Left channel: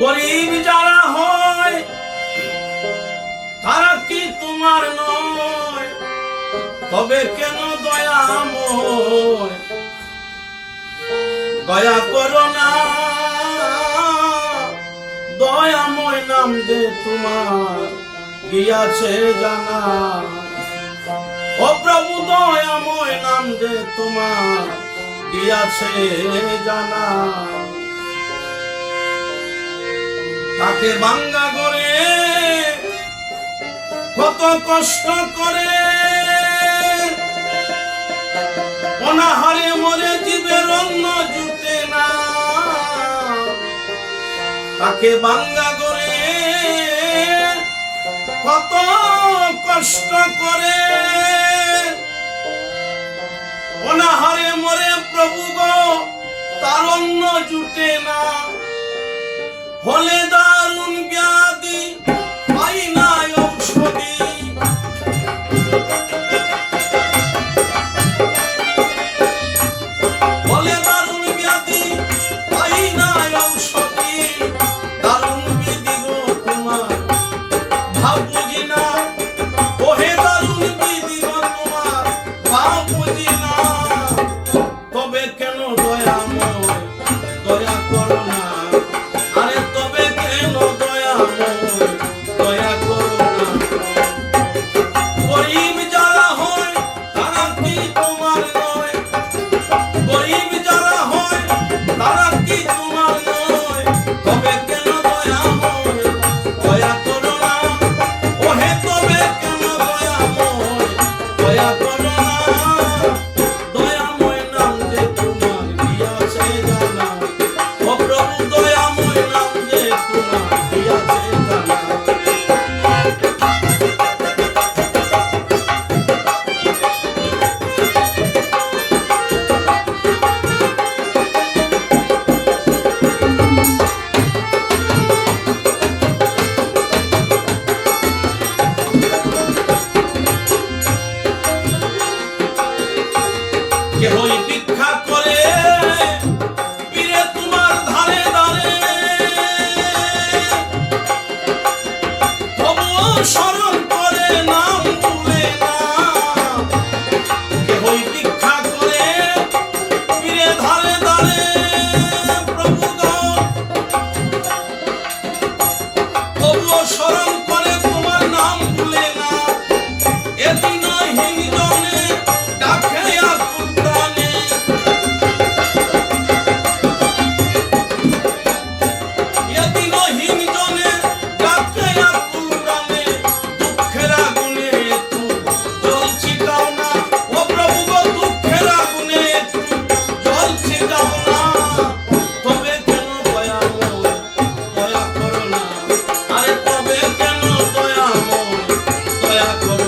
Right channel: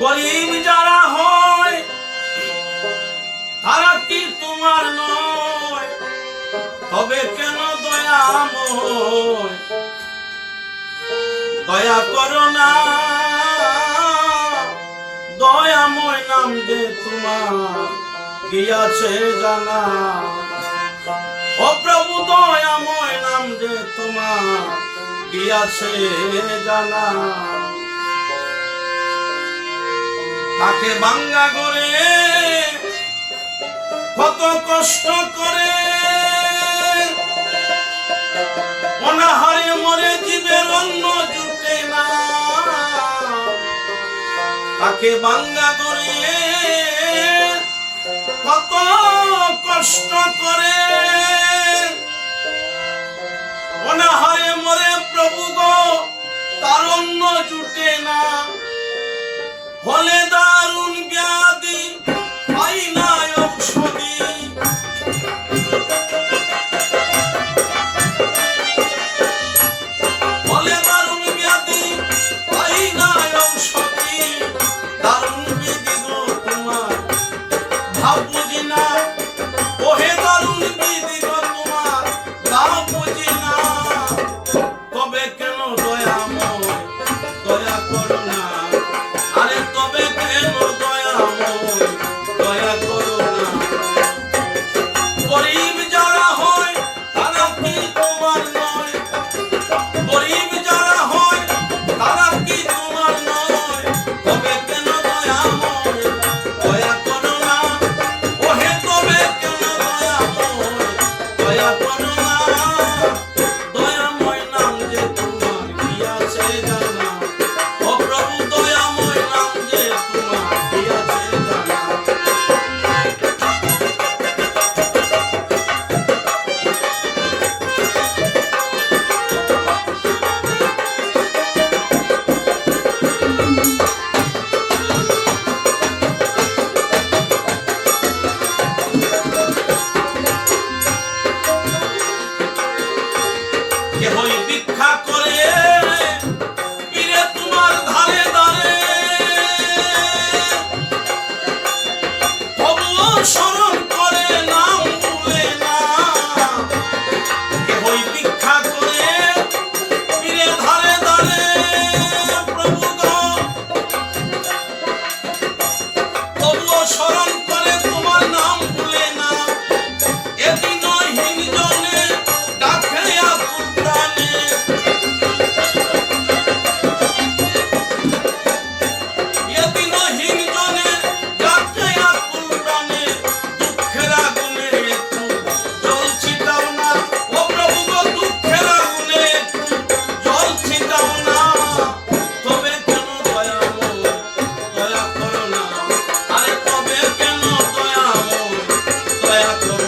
গরিব যারা হয়, তারা কি তোমার নয়? তবে কেন দয়াময় দয়া করো না দয়াময় নাম যে তোমার গিয়াছে জানা। ও প্রভু দয়াময় নাম যে তোমার গিয়াছে জানা। তাকে বাঙ্গা করে কত কষ্ট করে। অনাহারে মরে জীবের অন্ন জুটে না। তাকে বাঙ্গা করে কত কষ্ট করে। অনাহারে মরে প্রভু গো তার অন্ন জুটে না। কেন দয়াময় দয়া করো না। আরে তবে কেন দয়াময় দয়া করো না। গরিব যারা হয়, তারা কি তোমার নয়? গরিব যারা হয়, তারা কি তোমার নয়? তবে কেন দয়াময় দয়া করো না। ওহে তবে কেন দয়াময় দয়া করো না। দয়া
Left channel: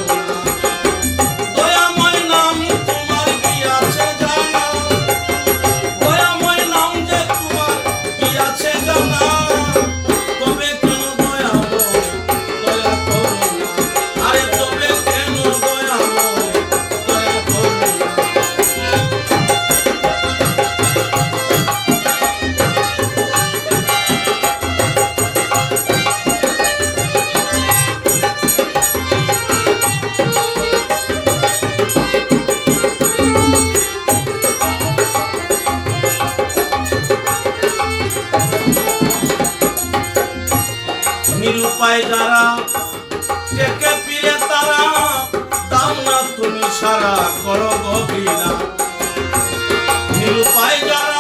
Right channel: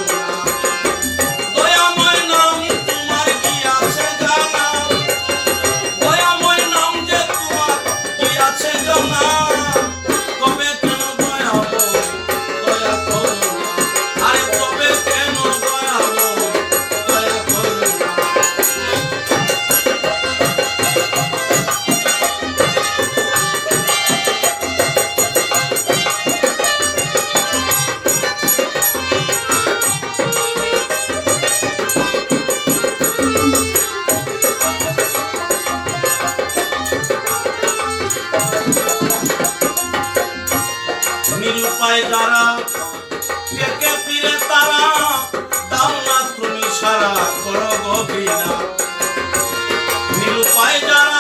নিরুপায় যারা। টেকে ফিরে তারা দাও না তুমি সারা করো গভীরা নিরুপায় যারা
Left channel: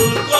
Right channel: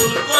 Good.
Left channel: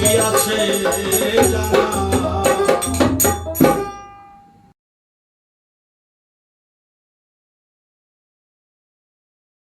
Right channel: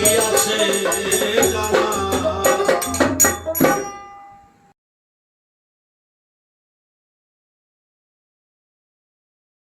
দিয়াছে